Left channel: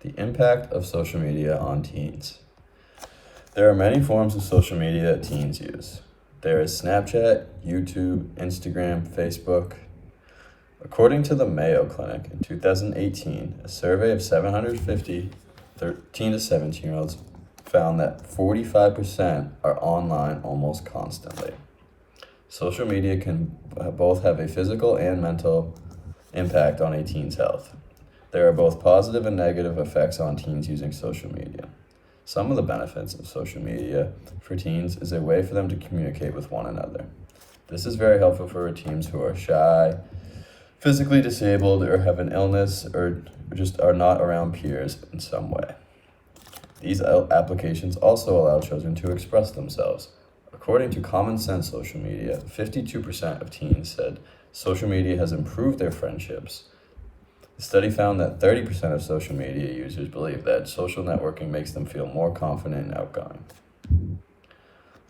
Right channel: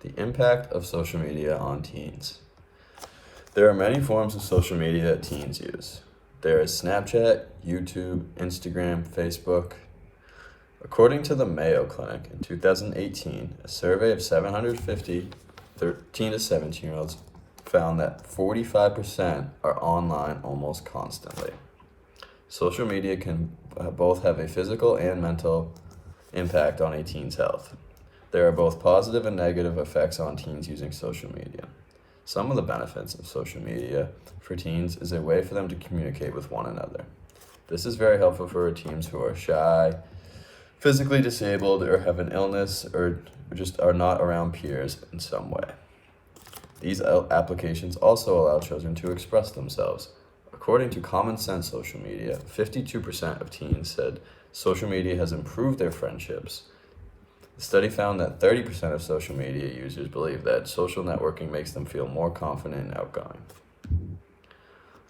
The impact of social media on teens. There are many forms of social media that teens use. There is Snapchat, YouTube, Instagram, Facebook. According to the Mayo Clinic in 2018, a survey of 750 13 to 17-year-olds found that 45% are online almost constantly. Social media can both have a physical and mental impact on a teen's health. There are both positive and negative effects on teens using social media. Some of the benefits of social media for teens is a way for them to communicate with one another. This is very helpful for teens who are shy, physically disabled, or have an illness, or just are not around peers in some way. These applications also allow children to express themselves. According to Common Sense Social Media, 52% of teens said social media has improved their friendships. The study found that 30% of social media users believe that social networking makes them feel more confident and outgoing.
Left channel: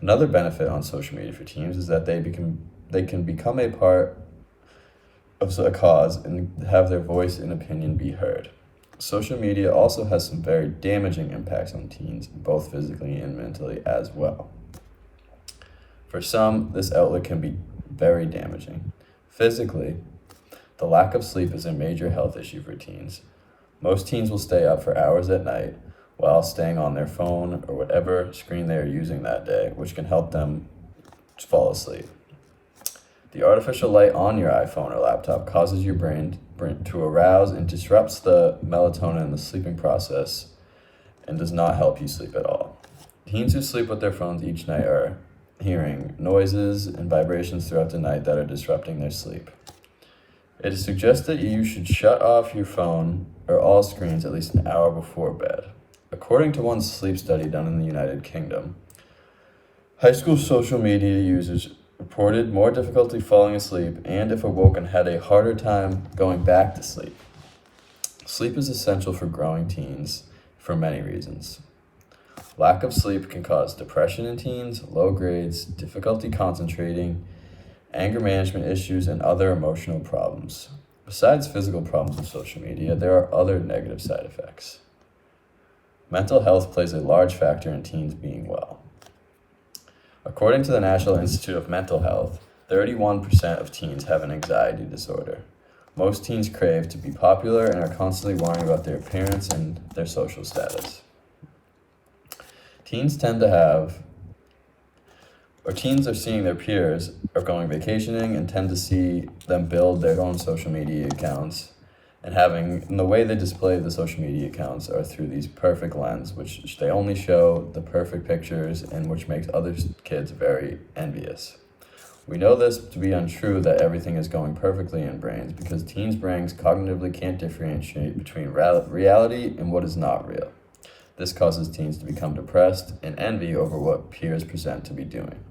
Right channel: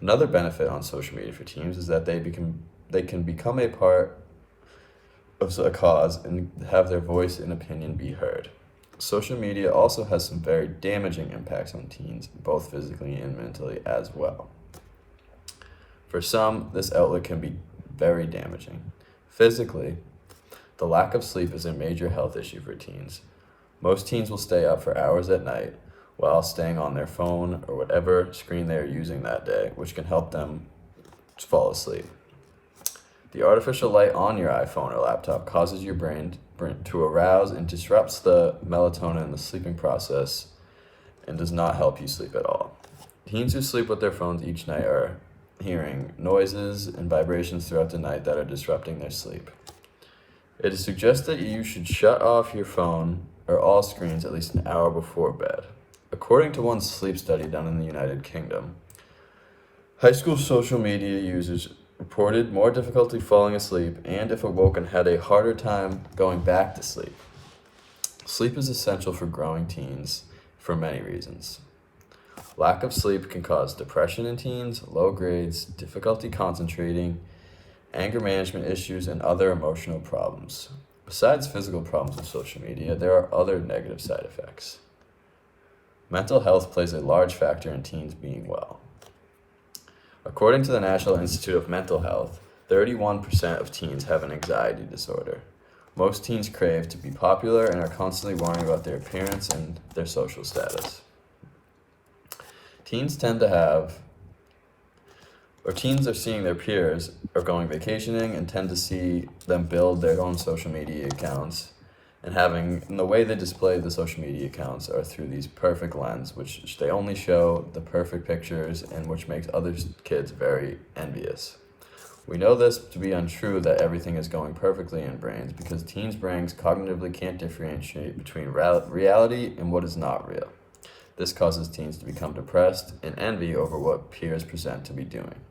Another benefit on social media for teens is that they can become a part of a cause and have their voice and opinion be heard. Social media also has some very damaging impacts on teens, both physically and mentally as well. For some, this outlet can be very damaging. Physically, the lack of sleep is a major health issue for teens. Most teens will stay up for hours at night while staying on their phone or whatever screen they are using that day, which can help them fall asleep. The artificial light on your iPhone or laptop causes your brain to arouse and disrupts the melatonin in the sleeping process and does not help you sleep at all. Teens who sleep with their phones each night are hearing noises and vibrations throughout the night that are disrupting their sleep. It is suggested that you should shut off your phone or all screens at least an hour before bed. According to one sleep study done in the United Kingdom, high school social media users reported more difficulty falling asleep and, if awoken, had a harder time going back to sleep. Sleep is essential for growing teens for many reasons. Lack of sleep can cause depression in teens, low grades, difficulty concentrating, anger management issues, and other emotional problems. Besides physical problems with social media, there are other negative side effects. Mental health plays a large factor in teens being well. According to the National Institute of Mental Health, 31% of teens have an anxiety disorder. Most teens crave to be popular and are constantly worrying about their appearance and their social status. Teens are seeing their peers are going vacationing and tend to see them build their own social media accounts and the way they display the social media accounts are through these perfect lens, which they only show the perfect pictures and which makes other kids very envious. We know this to be untrue that everything is going perfectly in brains because teens' brains cognitively can't differentiate between reality and what is not real. This causes teens to become depressed and envy over what peers present to be doing.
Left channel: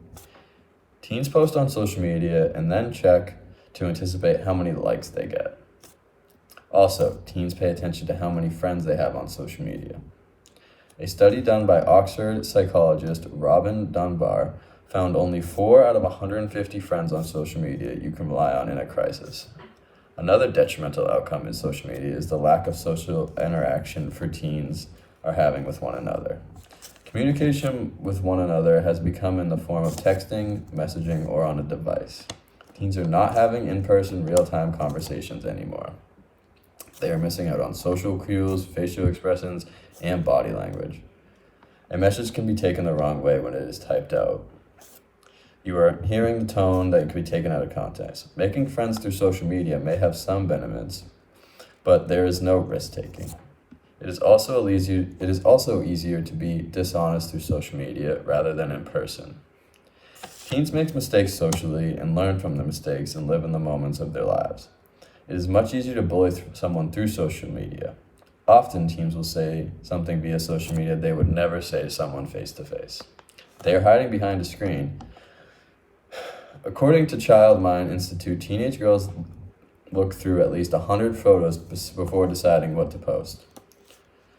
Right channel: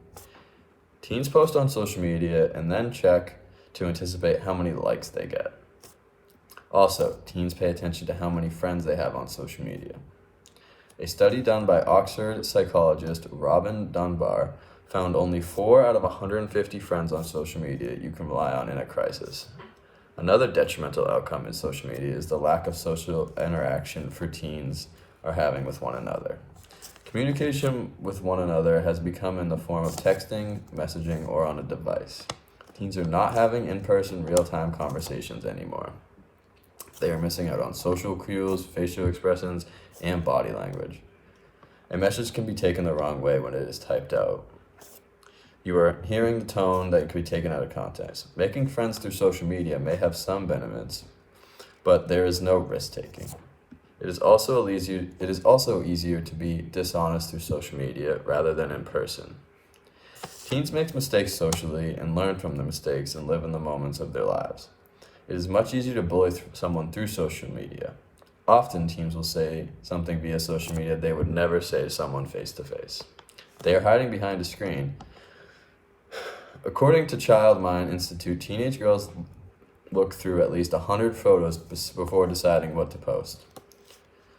Teens post on social media and then check to anticipate how many likes they get. Also, teens pay attention to how many friends they have on social media. A study done by Oxford psychologist Robin Dunbar found only 4 out of 150 friends on social media you can rely on in a crisis. Another detrimental outcome in social media is the lack of social interaction for teens are having with one another. Communication with one another has become in the form of texting, messaging, or on a device. Teens are not having in-person, real-time conversations anymore. They are missing out on social cues, facial expressions, and body language. A message can be taken the wrong way when it is typed out. You are hearing the tone that can be taken out of context. Making friends through social media may have some benefits, but there is no risk-taking. It is also easier to be dishonest through social media rather than in person. Teens make mistakes socially and learn from the mistakes and live in the moments of their lives. It is much easier to bully someone through social media. Often, teens will say something via social media they would never say to someone face to face. They are hiding behind a screen. According to Child Mind Institute, teenage girls look through at least 100 photos before deciding what to post.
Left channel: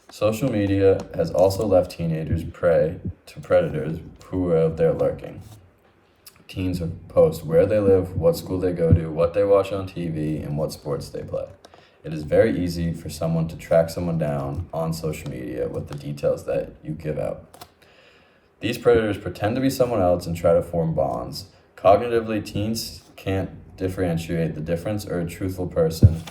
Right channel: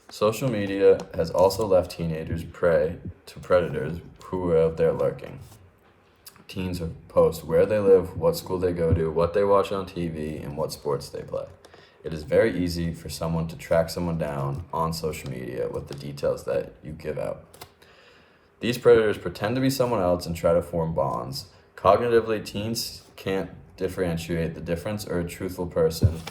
Social media has also left teenagers prey to predators who are out there lurking. Teens post where they live, what school they go to, what they watch on TV, and what sports they play. It is very easy for someone to track someone down on social media with the details that you give out. These predators pretend to be someone else and try to form bonds. Cognitively, teens can't differentiate the difference or a truthful person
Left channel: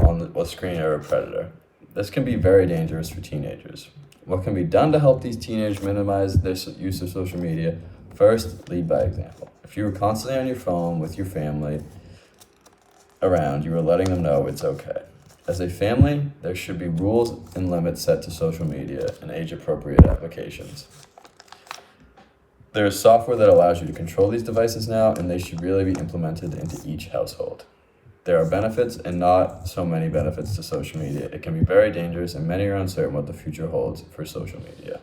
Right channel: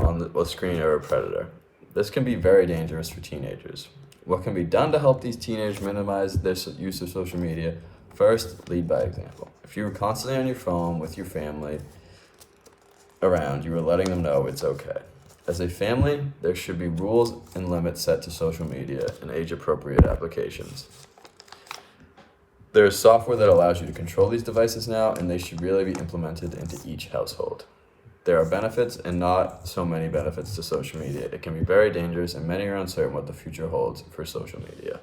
on the screen or a predator. This can be very dangerous for teenagers. What can be done to help these teenagers minimize their use of social media? First, lead by example. If you are constantly on your phone with your family around, you are letting them know it's okay. As a family, there should be rules and limits set to social media and age-appropriate applications. There is software that allows you to control these devices now, and they should really be implemented into each household. There are benefits and not so many benefits to social media. It can be very dangerous, and many are uncertain what the future holds for social media.